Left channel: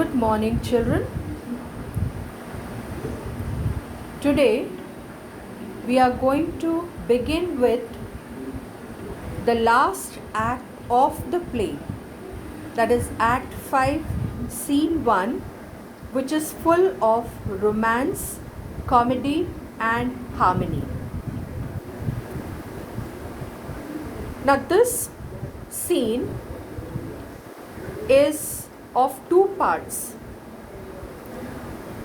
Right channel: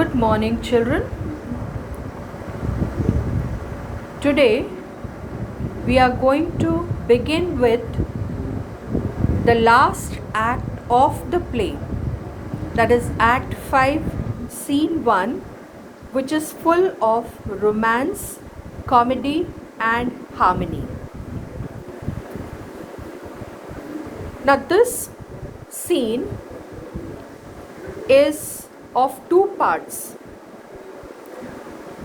Good morning, children. Today we are going to begin with the last act of the play, that is Act 5, Scene 1, which is full of romance, comedy, and harmony. Now, this scene is of two parts.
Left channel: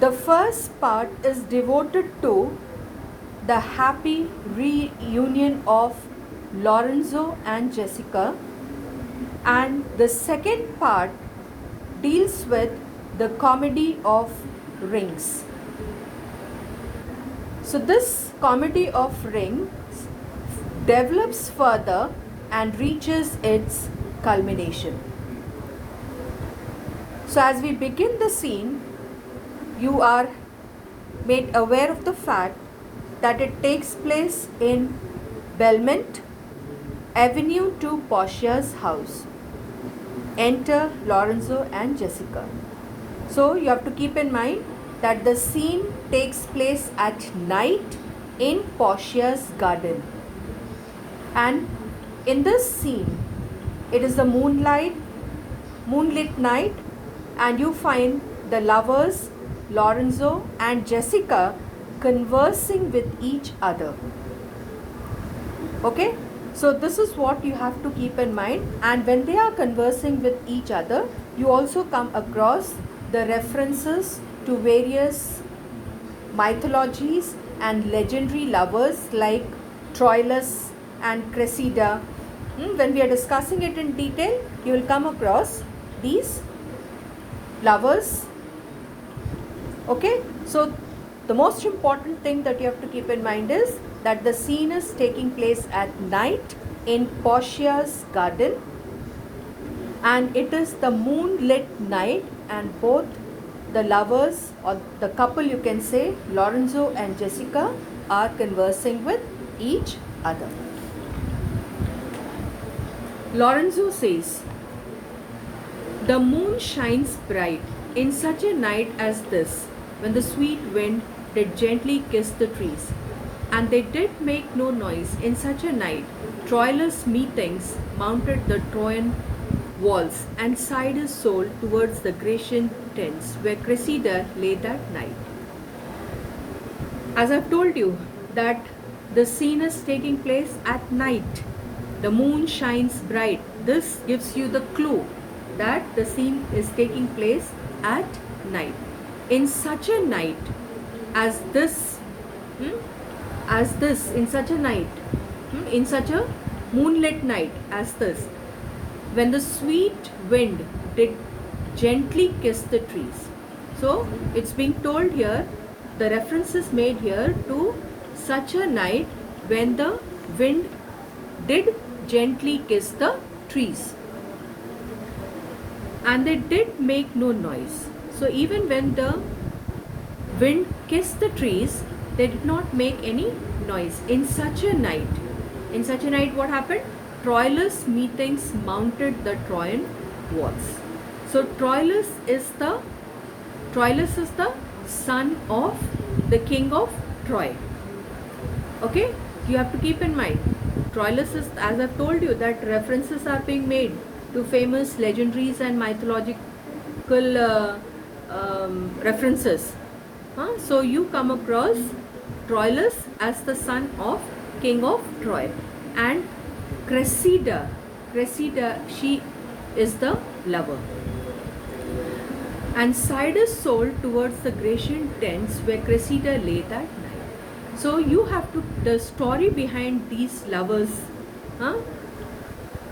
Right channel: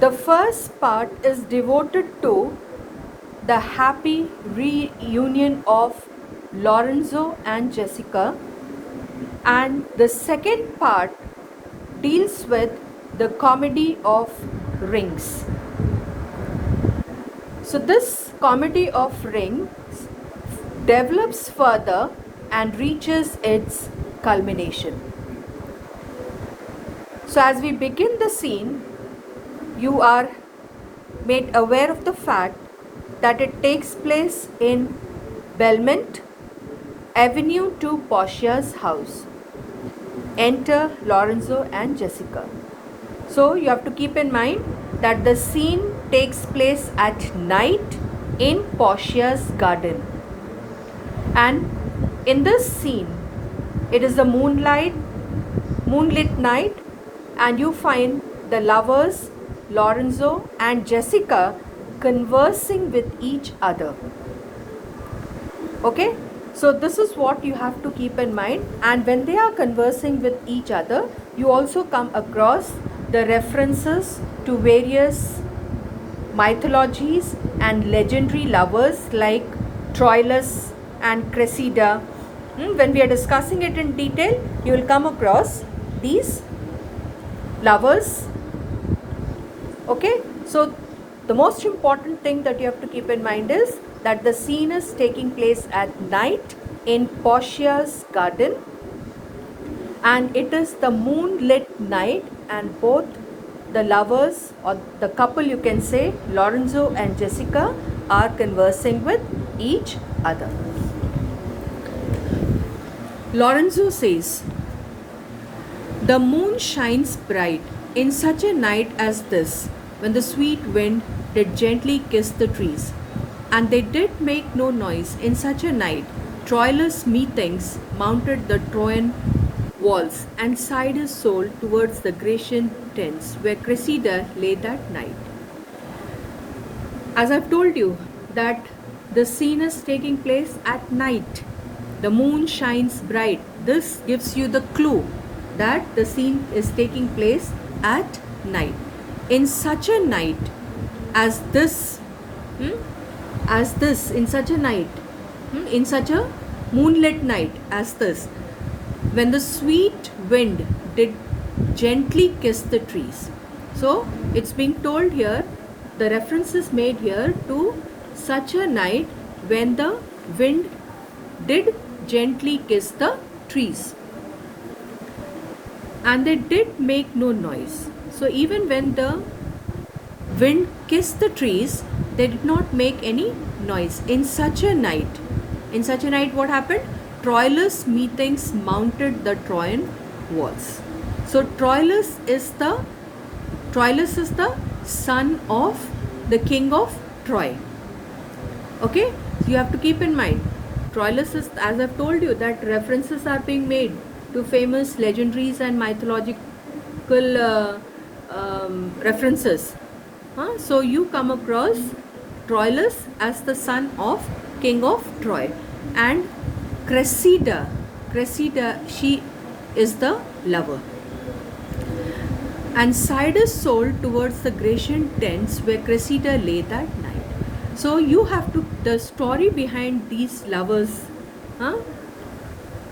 The first part is devoted to the happy reunion of Lorenzo and Jessica, and the second part deals with the comedy of rings. So this comedy of rings develops further and reaches its culmination. So as we begin the scene, you are made aware of the fact that it takes place in Belmont Avenue to Portia's house. Enter Lorenzo and Jessica. So you have to keep in mind that the scene takes place at night in Portia's garden. And in this scene, it is a moonlit night, and you find the lovers Lorenzo and Jessica conversing with each other. Okay, so this is what you have to keep in mind. And when they are conversing with each other, you also come across the references to various mythologies and legendary lovers like Troilus and Cressida. When we are discussing it in detail, you will come across these lovers. Okay, so the most important thing that you have to keep in mind is that the scene is taking place at night in Portia's garden, and it is the moonlit night, and both the lovers, or the couple you can say, Lorenzo and Jessica, are conversing with each other. Lorenzo says, "The moon shines bright in such a night as this, when the sweet wind did gently kiss the trees, and they did make no noise. In such a night, Troilus methinks mounted the Trojan walls, and sighed his soul towards the Grecian tents, where Cressida lay that night." As I've told you that the scene is taking place at night. The moon shines bright. This gives you the clue that the scene is taking place at night. In such a night as this, in such a night, in such a moonlit night as this, when the sweet wind did gently kiss the trees. So it's being told here, the reference is made here to such a night when the wind did gently kiss the trees, and they did make no noise. So even when the wind kissed the trees, they did not make any noise. In such a night, what happened? Troilus methinks mounted the Trojan walls. So Troilus is the son of the king of Troy. Okay, so you have to keep in mind, Troilus is, as I've told you, that references are being made to famous legendaries and mythological references. So you come across Troilus as the son of king of Troy, and Cressida, she is the lover. And sighed his soul towards the Grecian tents, where Cressida lay that night. So you have to, the story behind these lovers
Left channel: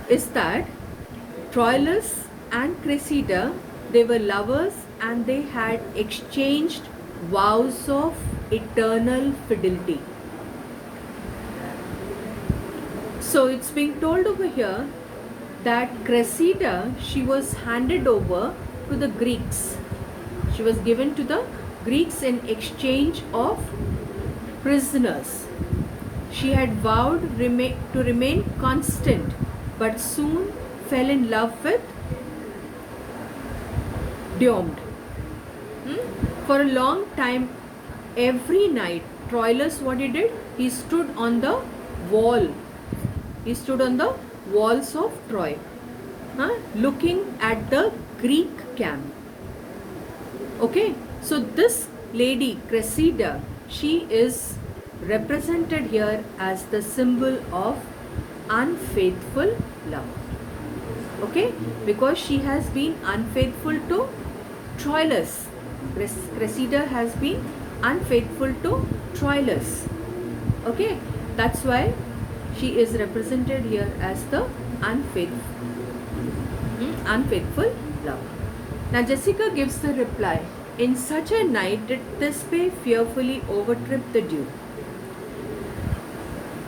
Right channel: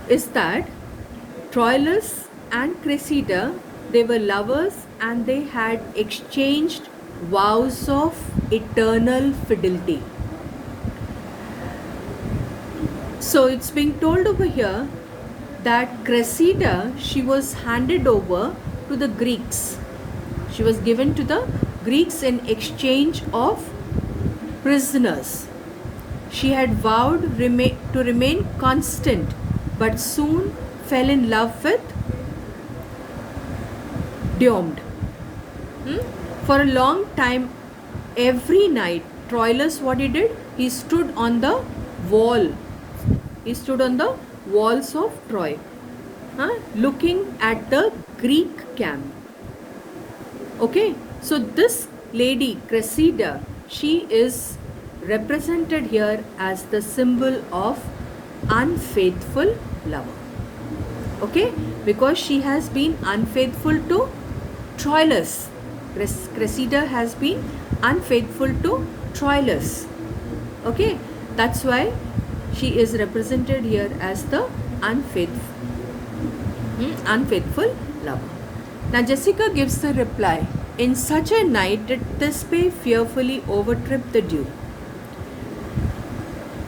is that Troilus and Cressida, they were lovers, and they had exchanged vows of eternal fidelity. So it's being told over here that Cressida, she was handed over to the Greeks. She was given to the Greeks in exchange of prisoners. She had vowed to remain constant, but soon fell in love with Diomed. For a long time, every night, Troilus, what he did? He stood on the wall. He stood on the walls of Troy, looking at the Greek camp. Okay, so this lady, Cressida, she is represented here as the symbol of unfaithful love. Okay, because she has been unfaithful to Troilus. Cressida has been unfaithful to Troilus. Okay, that's why she is represented here as the unfaithful lover. Now Jessica gives the reply. In such a night did Thisbe fearfully overtrip the dew,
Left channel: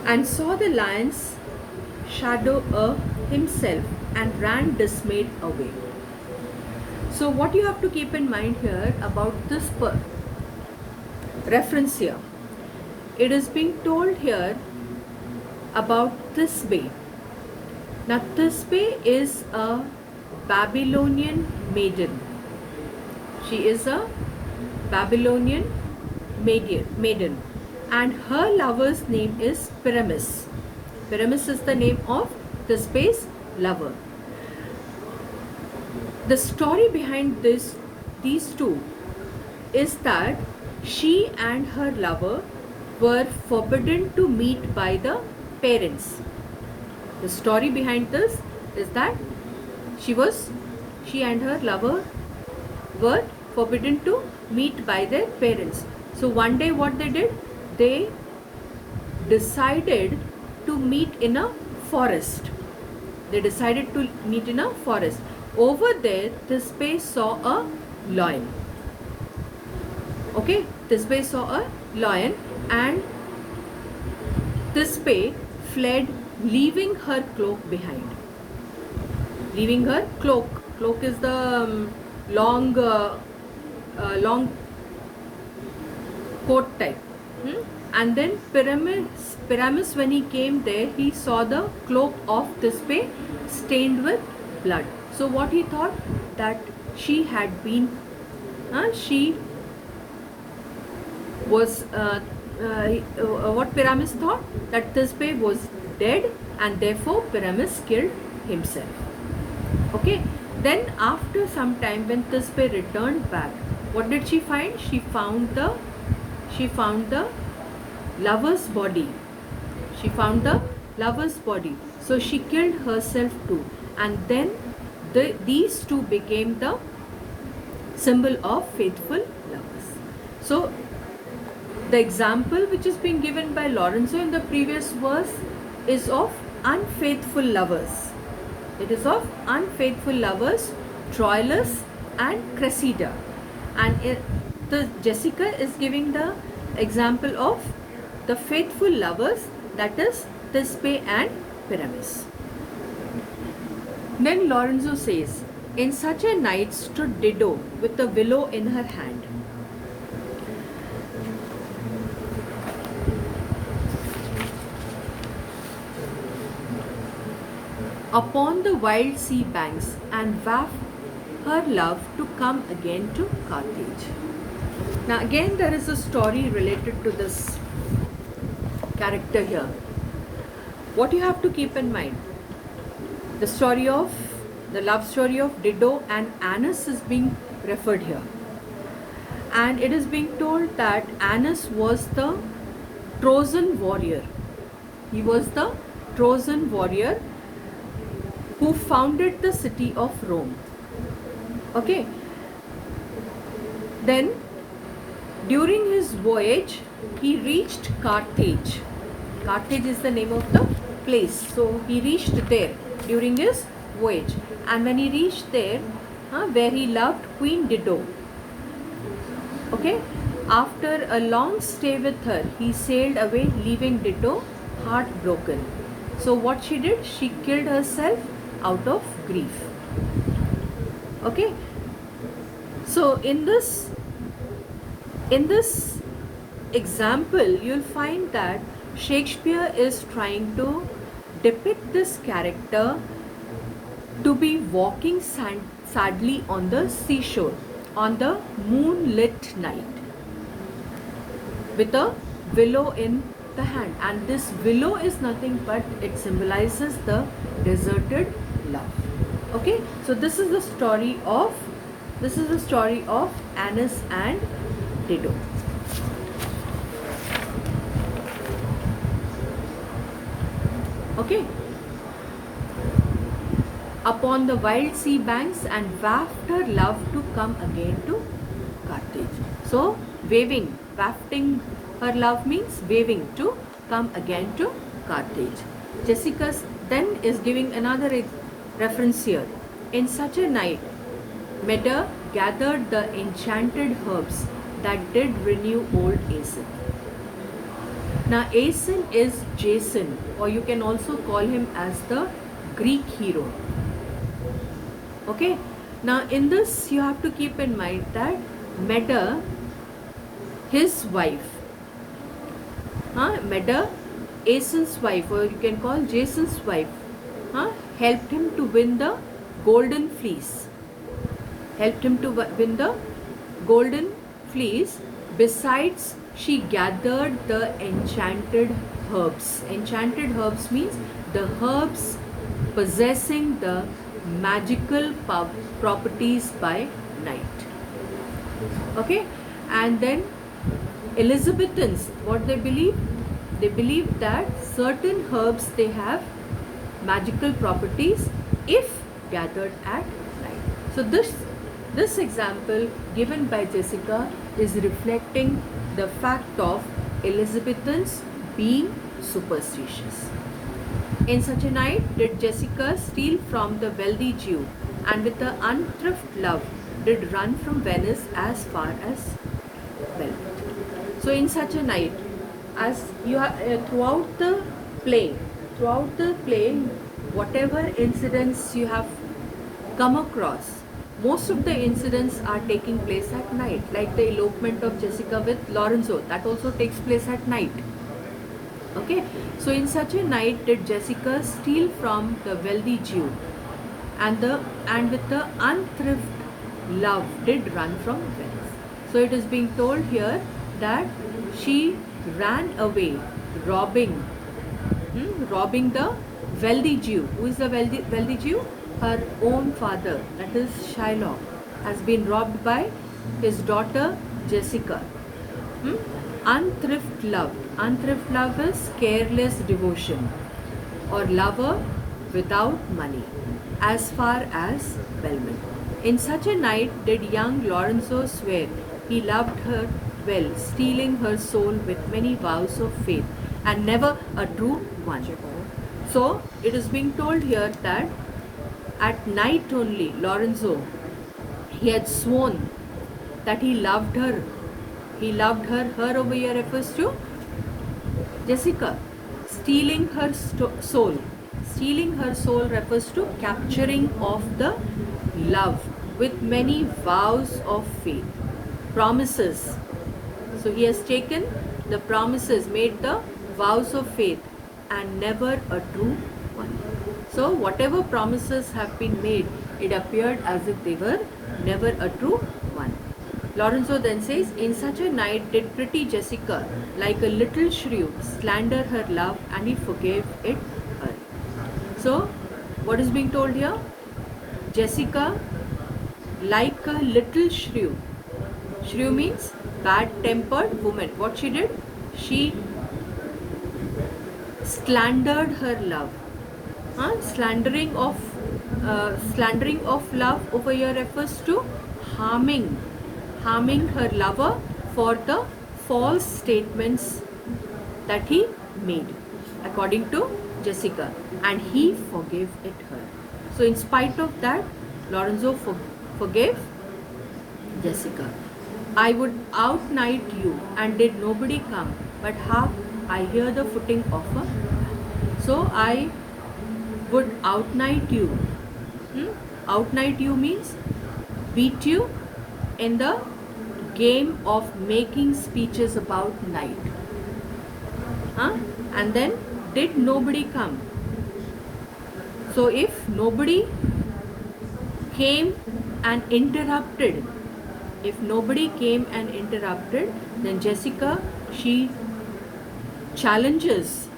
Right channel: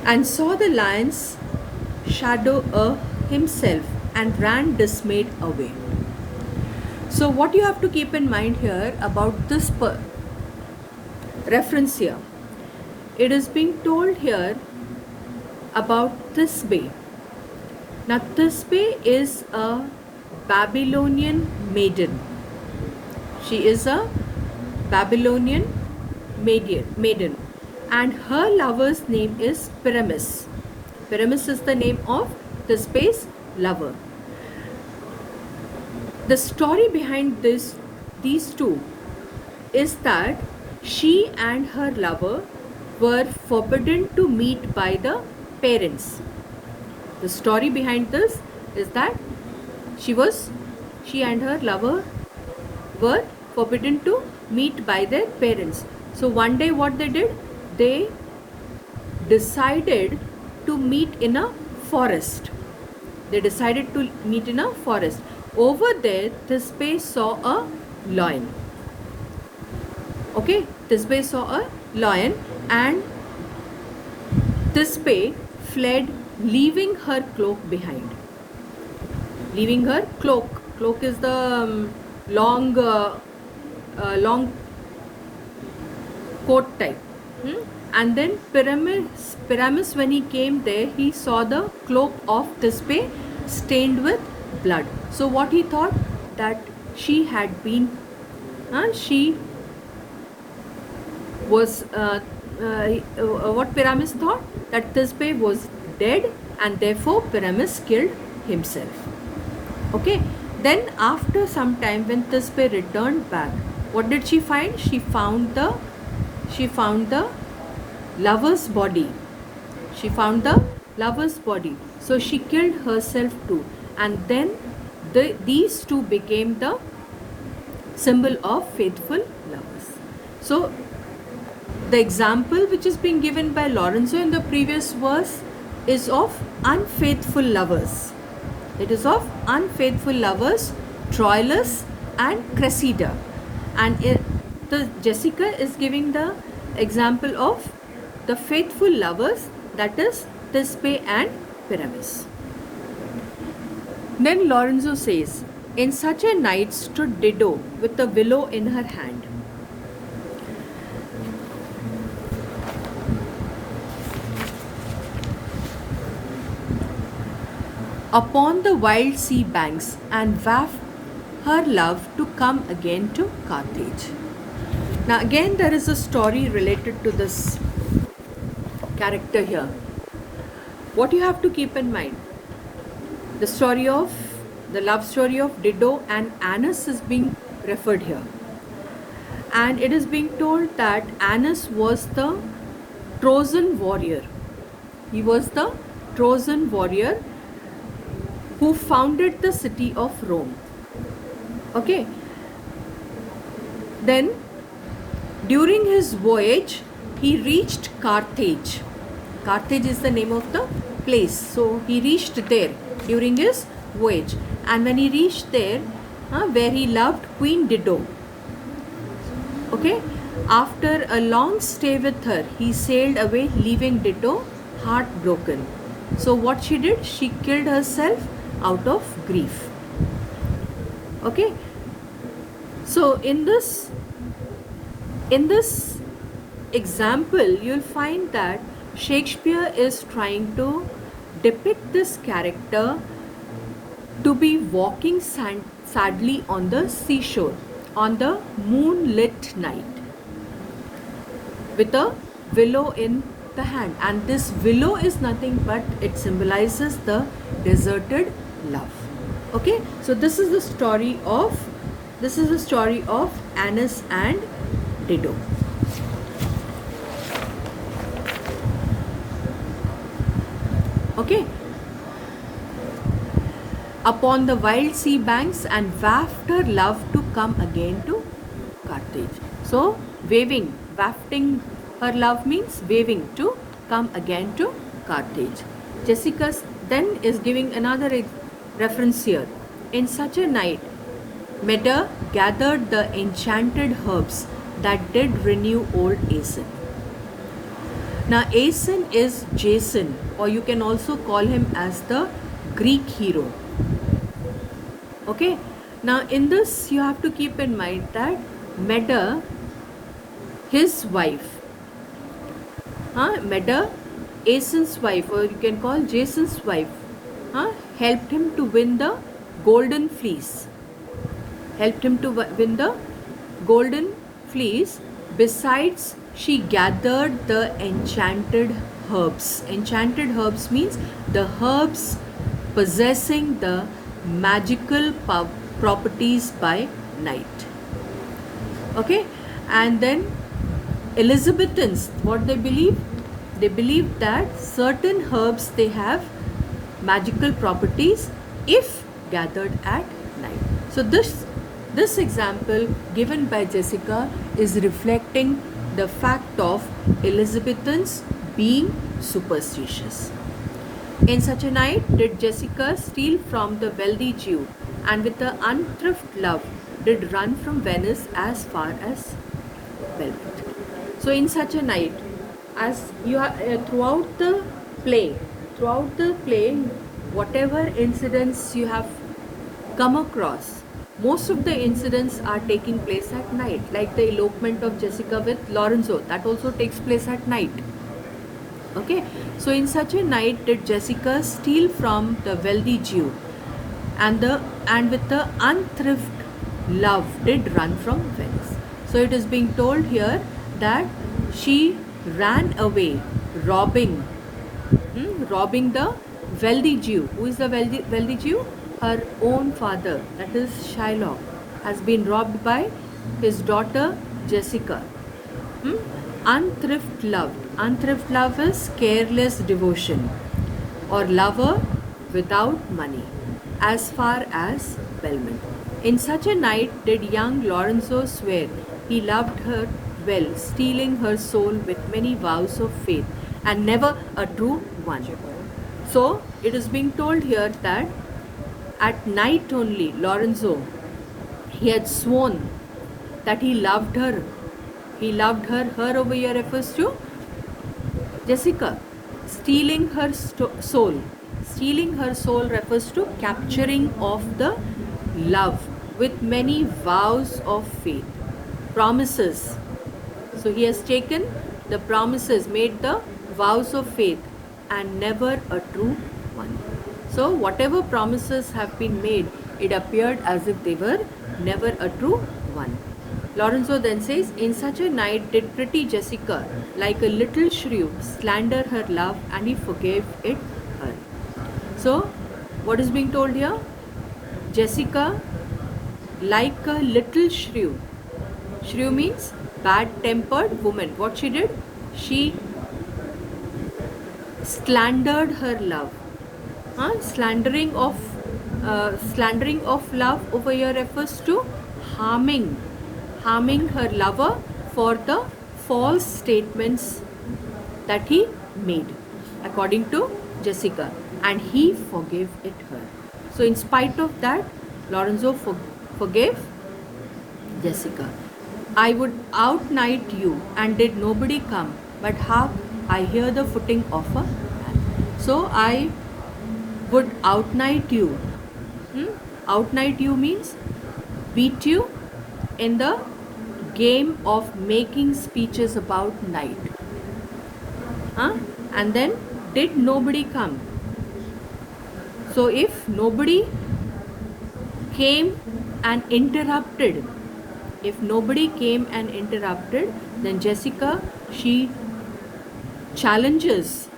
and saw the lion's shadow himself, and ran dismayed away. So what you have to keep in mind here about this reference here, it is being told here about Thisbe. Now Thisbe is a Babylonian maiden. She is a Babylonian maiden, and her lover's name is Pyramus. Pyramus is the name of Thisbe's lover. The story behind these two is that she and her lover were forbidden to meet by the parents. The story behind this is that she and her lover were forbidden to meet by their parents. So one day what they did, they decided to meet in a forest. They decided to meet in a forest. Over there, Thisbe saw a lion. Okay, Thisbe saw a lion, and Thisbe fled, leaving her cloak behind. Leaving her cloak. Cloak is the long coat type. And then Pyramus, when he came there, he saw the cloak of Thisbe stained with blood. So what he thought, that she had been, she was, what Pyramus thought, that Thisbe was dead, and therefore Pyramus killed himself. Okay. Then after some time, when Thisbe returned back, what did she find? She found the lover's body. She found the lover's body. So she killed herself too. And then these two became the symbol of faithful lovers. So the example which is being given by Lorenzo in the previous verse is of unfaithful lovers. It is of unfaithful lovers, Troilus and Cressida. And the Jessica is giving the example of the faithful lovers, that is Thisbe and Pyramus. Then Lorenzo says, in such a night stood Dido with a willow in her hand. Upon the wild sea banks, and wafted her love to come again to Carthage. Now again there is a story related to this character here. What you have to keep in mind, the love story of Dido and Aeneas is being referred here. And it is being told that Aeneas was the Trojan warrior. He was the Trojan warrior who founded the city of Rome. Okay. Then during his voyage, he reached Carthage. Carthage is the name of the place. So he reached there during his voyage. And when he reached there, where he loved Queen Dido. Okay. After a long stay with her, he sailed away, leaving Dido heartbroken. So what she did? She killed herself out of grief. Okay. So in this example, you'll find that Shakespeare is trying to depict this character to be walking sadly on the seashore. on the moonlit night with a willow in the hand, and this willow is nothing but it symbolizes the deserted love. Okay, so this is the story of Anis and Dido. Okay, upon the wild sea banks and waft her love to come again to Carthage. So wafting her love means waving to come again to Carthage. Jessica then is giving another reference here. In such a night, Medea gathered the enchanted herbs that did renew old Aeson. Now Aeson is Jason, or you can also call him as the Greek hero. Okay, now in this you have to keep in mind that Medea, his wife, Medea, Aeson's wife, or you can call Jason's wife, helped him to win the golden fleece. Besides, she gathered the enchanted herbs. Enchanted herbs means the herbs possessing the magical properties by night. Okay, and then Elizabethans, what they believe? They believe that certain herbs, they have magical properties if gathered at night. So this example given by Jessica is reflecting the fact of Elizabethans being superstitious. In such a night did Jessica steal from the wealthy Jew, and with the unthrift love did run from Venice as far as Velvet. So in such a night, as you have throughout the play, whatever incidents you have come across, most of the incidents are taking place at night, like the elopement of Jessica with Lorenzo, that also takes place at night. Okay, so in such a night did Jessica steal from the wealthy Jew, and with the unthrift love did run from Venice. So it is being told here that she ran away, robbing the wealthy Jew. Who is the wealthy Jew? Her own father, that is Shylock, has been robbed by his daughter Jessica. Unthrift love. Unthrift love is careless devotion or lover without money, as far as Belmont. In such a night did young Lorenzo swear he loved her well, stealing her soul with many vows of faith, and never a true one. So it is being told here that at night only Lorenzo, he had sworn that he loved her. Her over here refers to Jessica. Stealing her soul. Stealing her soul refers to capturing of the love with many vows of faith. Promises. So he has taken the promises, made the vows of faith, and never a true one. So whatever promises have been made, it appeared as if they were never a true one. Lorenzo then says, in such a night did pretty Jessica, like a little shrew, slander her love, and he forgave it her. So what is being told here? Jessica, like a little shrew. Shrew means bad-tempered woman. What she did? She slandered her love. Slandering of love over here refers to harming her lover for the false statements that he made, according to Jessica, and he forgave it her. So in spite of that, Lorenzo forgave Jessica. I would outnight you, and did nobody come, but how I hear the footing of a man. So I would outnight you. Outnight you means beat you in the game of making speeches about night. And then did nobody come? So if nobody came and interrupted If nobody came and interrupted, then Jessica, she challenges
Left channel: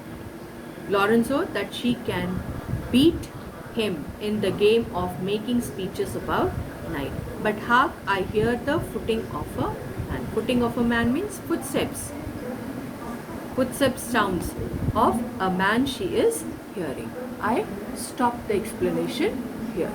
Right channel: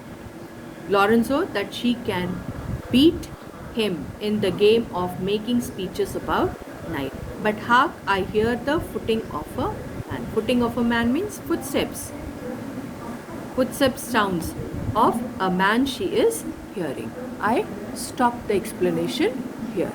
Lorenzo that she can beat him in the game of making speeches about night. But hark, I hear the footing of a man. Footing of a man means footsteps. Footsteps sounds of a man she is hearing. I stop the explanation here.